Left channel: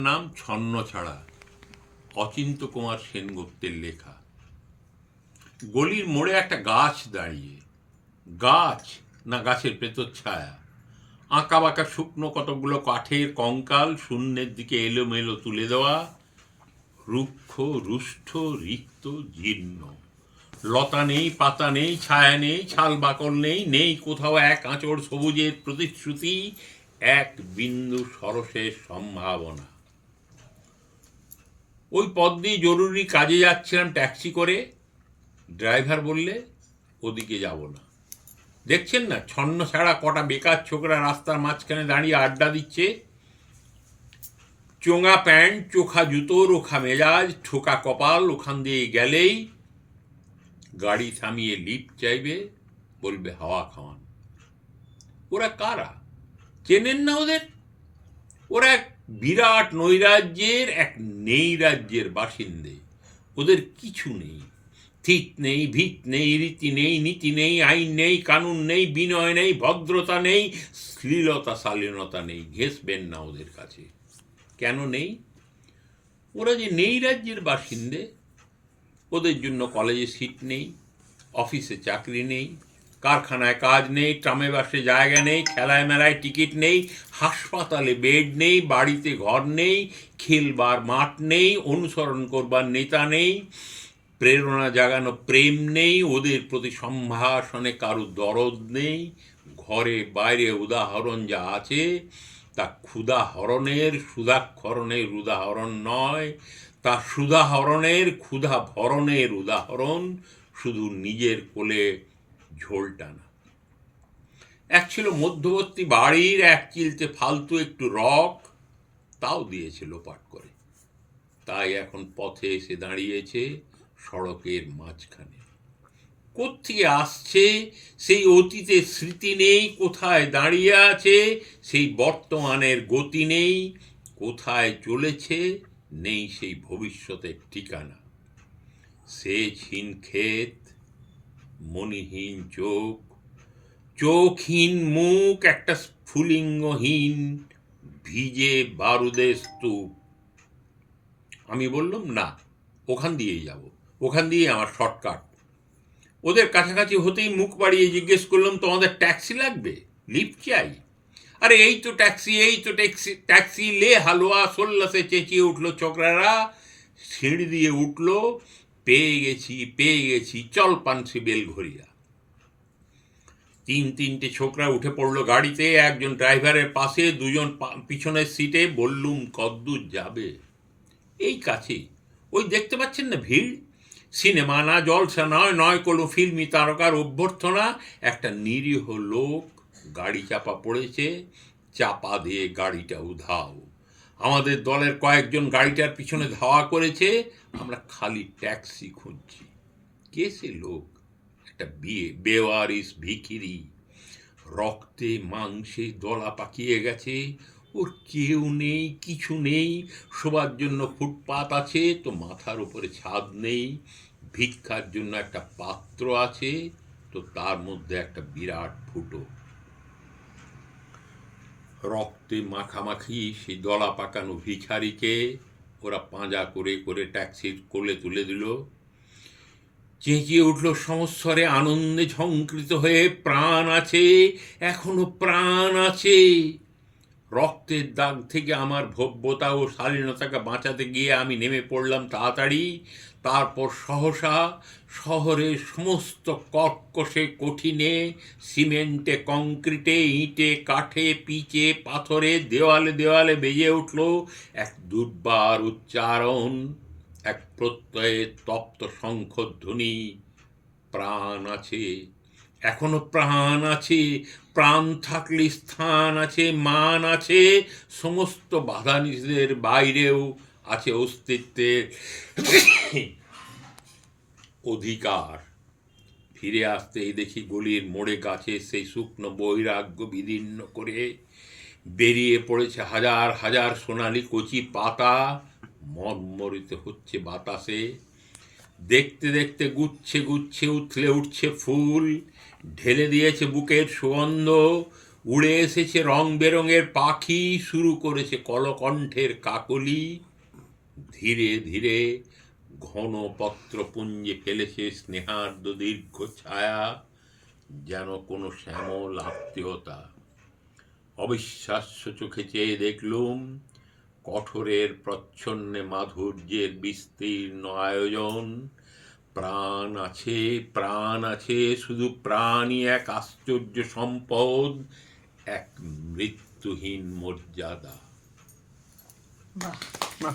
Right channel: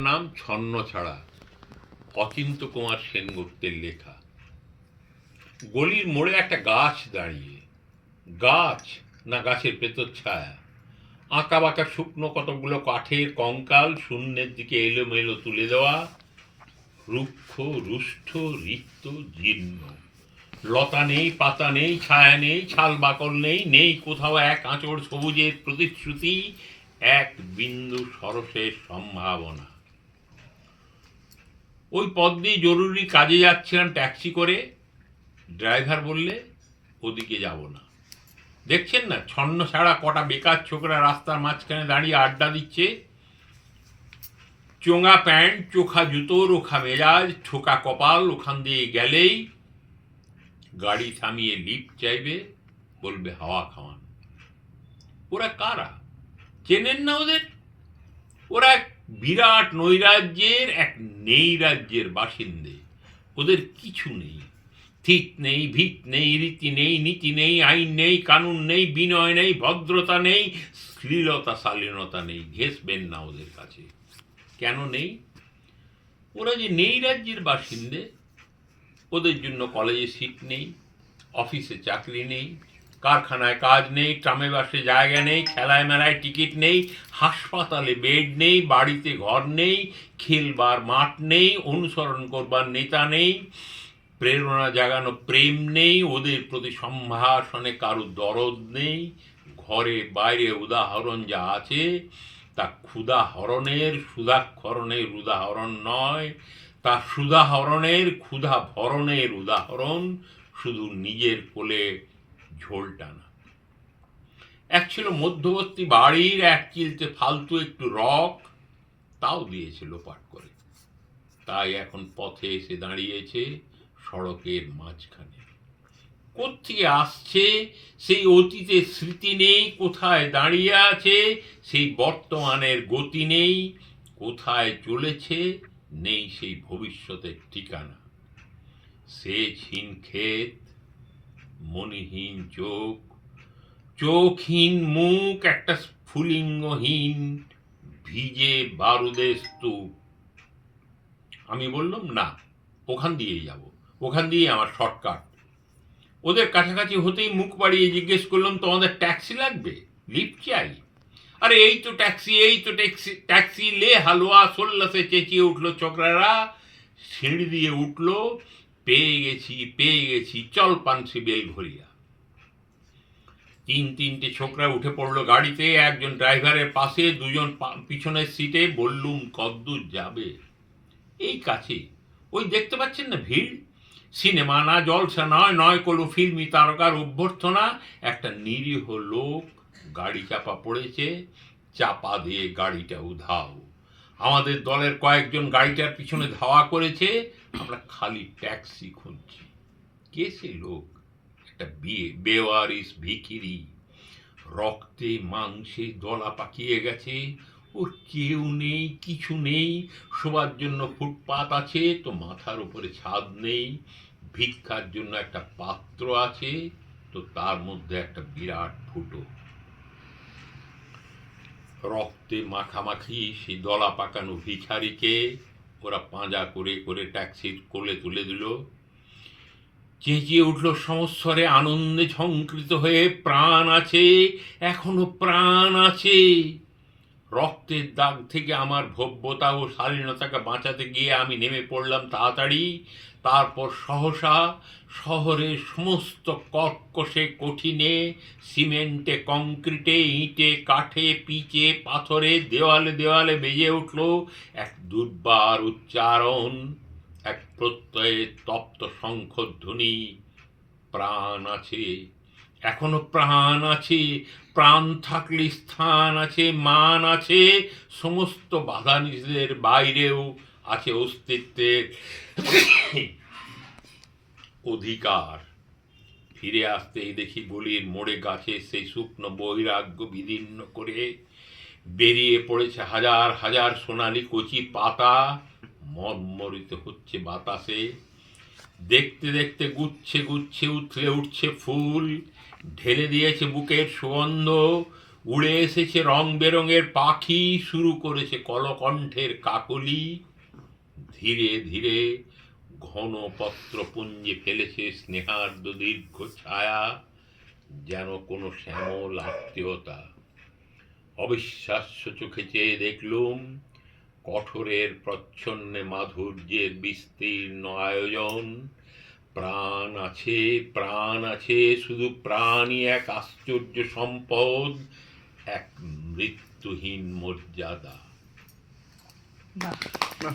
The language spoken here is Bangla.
নাম ছন্নছাড়া, অচিন্ত কুমার সেনগুপ্তের লেখা। গলির মোড়ে একটা গাছ দাঁড়িয়ে, গাছ না গাছের ভেতর ছায়া, আঁকা বাঁকা শুকনো কতগুলো কাঠের কঙ্কাল শূন্যের দিকে এলোমেলো তুলে দেওয়া, রুক্ষ রুষ্ট রিক্ত জীর্ণ। লতা নেই, পাতা নেই, ছায়া নেই, ছাল বাকল নেই, নেই কোথাও এক আঁচড় সবুজের প্রতিশ্রুতি, এক বিন্দু সরসের সম্ভাবনা। ওই পথ দিয়ে জরুরি কাজে যাচ্ছিলাম ট্যাক্সি করে। ড্রাইভার বললে ওদিকে যাব না। দেখছেন না ছন্ন ছাড়া কটা বেকার ছোকরা রাস্তার মাঝখানে দাঁড়িয়ে আড্ডা দিচ্ছে। চোঙা প্যান্ট, চোখা জুতো, রোখা মেজাজ, ঠোকা কপাল, ওখান দিয়ে গেলেই গাড়ি থামিয়ে লিফট চাইবে, বলবে হাওয়া খাওয়ান। ওরা কারা? চেনেন না ওদের? ওরা এক বিরাট নৈরাজ্যের, এক নেই রাজ্যের বাসিন্দে। ওদের কিছু নেই, ঠিক নেই, ভিত নেই, রীতি নেই, নীতি নেই, আইন নেই, কানুন নেই, বিনয় নেই, ভদ্রতা নেই, শ্লীলতা শালীনতা নেই। ঘেঁষবেন না ওদের কাছে। কেন নেই? ওরা যে নেই রাজ্যের বাসিন্দে, ওদের জন্য কলেজে সিট নেই, অফিসে চাকরি নেই, কারখানায় কাজ নেই, ট্রামে বাসে জায়গা নেই, খেলায় মেলায় টিকিট নেই, হাসপাতালে বেড নেই, বাড়িতে ঘর নেই, খেলবার মাঠ নেই, অনুসরণ করবার নেতা নেই, প্রেরণা জাগানো প্রেম নেই, ওদের প্রতি সম্ভাষণে কারো দরদ নেই। ঘরে বাইরে উদাহরণ যা আছে তা ক্ষুধাহরণের সুধাক্ষরণের উদাহরণ নয়, তা সুধাহরণের ক্ষুধা ভরণের উদাহরণ, শুধু নিজের কোলে ঝোল টানা। এক ছিল মধ্যবর্তী বাড়ির এক চিলতে ফালতু একটু রক, তাও দিয়েছে লোপাট করে। তাই এখন পথে এসে দাঁড়িয়েছে সড়কের মাঝখানে। কোত্থেকে আসছে সেই অতীতের স্মৃতি নেই, কোথায় দাঁড়িয়ে আছে সেই বর্তমানের গতি নেই, কোথায় চলেছে নেই সেই ভবিষ্যতের ঠিকানা। সেচহীন ক্ষেত, মণিহীন চোখ, চোখহীন মুখ, একটা স্ফুলিঙ্গহীন ভিজে বারুদের স্তূপ। আমি বললাম না, ওখান দিয়েই যাব, ওখান দিয়ে আমার শর্টকাট। ওদের কাছাকাছি হতেই মুখ বাড়িয়ে জিজ্ঞেস করলাম, তোমাদের ট্যাক্সি লাগবে? লিফট চাই? আরে এই তো ট্যাক্সি, এই তো ট্যাক্সি, ট্যাক্সি লে হালুয়া, সোল্লাসে চেঁচিয়ে উঠলো ছোকরারা। সিঁড়ি দিয়ে উঠলো, পেয়ে গেছি পেয়ে গেছি, চল পানসি বেলঘরিয়া। তিনটে ছোকরা উঠে পড়লো গাড়িতে, একজন ড্রাইভারের পাশে, দুজন পিছনের সিটে। বললুম কদ্দূর যাবে? এই কাছে, ওই দেখতে পাচ্ছেন না ভিড়? সিনেমা না, জলসা নয়, নয় কোনো ফিল্মি তারকার অভ্যর্থনা। একটা নিরীহ লোক গাড়ি চাপা পড়েছে, চাপা দিয়ে গাড়িটা উধাও। আমাদের দলের কয়েকজন গাড়িটার পিছনে ধাওয়া করেছে, আমরা খালি ট্যাক্সি খুঁজছি। কে সে লোক? একটা বেওয়ারিস ভিখিরি, রক্তে মাংসে দলা পাকিয়ে গেছে। ওর কেউ নেই, কিছু নেই, শোবার জন্য ফুটপাত আছে তো মাথার উপরে ছাদ নেই, ভিক্ষার জন্য একটা পাত্র আছে তো তার মধ্যে একটা বিরাট ফুটো। রক্তে মাখামাখি সেই দলা পাকানো ভিখারিকে ওরা পাঁজা করে করে ট্যাক্সির কোলে তুলে দিল। চেঁচিয়ে উঠল সমস্বরে, আনন্দে ঝংকৃত হয়ে, প্রাণ আছে, এখনো প্রাণ আছে। রক্তের দাগ থেকে আমার ভব্যতা ও শালীনতাকে বাঁচাতে গিয়ে আমি নেমে পড়লাম তাড়াতাড়ি। তারপর সহসা শহরের সমস্ত কর্কশে কঠিনে, সিমেন্টে, কংক্রিটে, ইঁটে, কাঠে, পিচে, পাথরে, দেওয়ালে দেওয়ালে বেজে উঠল এক দুর্বার উচ্চারণ, এক প্রত্যয়ের তপ্ত শঙ্খধ্বনি। প্রাণ আছে, এখনো প্রাণ আছে, প্রাণ থাকলে স্থান আছে, মান আছে, সমস্ত বাধা নিষেধের বাইরেও আছে অস্তিত্বের অধিকার। ফিরে আসতেই দেখি গলির মোড়ে গাছের সেই শুকনো বৈরাগ্য বিদীর্ণ করে বেরিয়ে পড়েছে হাজার হাজার সোনালি কচি পাতা, মর্মরিত হচ্ছে বাতাসে। দেখতে দেখতে গুচ্ছে গুচ্ছে উথলে উঠছে ফুল, ঢেলে দিয়েছে বুকের সুগন্ধ। উড়ে এসেছে রং বেরঙের পাখি, শুরু করেছে কলকণ্ঠের কাকলি, ধীরে ধীরে ঘন পত্রপুঞ্জে ফেলেছে স্নেহার্দ দীর্ঘ ছায়া, যেন কোনো শ্যামল আত্মীয়তা। অবিশ্বাস্য চোখে চেয়ে দেখলুম কঠোরের প্রচ্ছন্নে মাধুর্যের বিস্তীর্ণ আয়োজন। প্রাণ আছে, শুধু প্রাণই এক আশ্চর্য সম্পদ, এক মৃত্যুহীন মর্যাদা। বাহ। বাহ,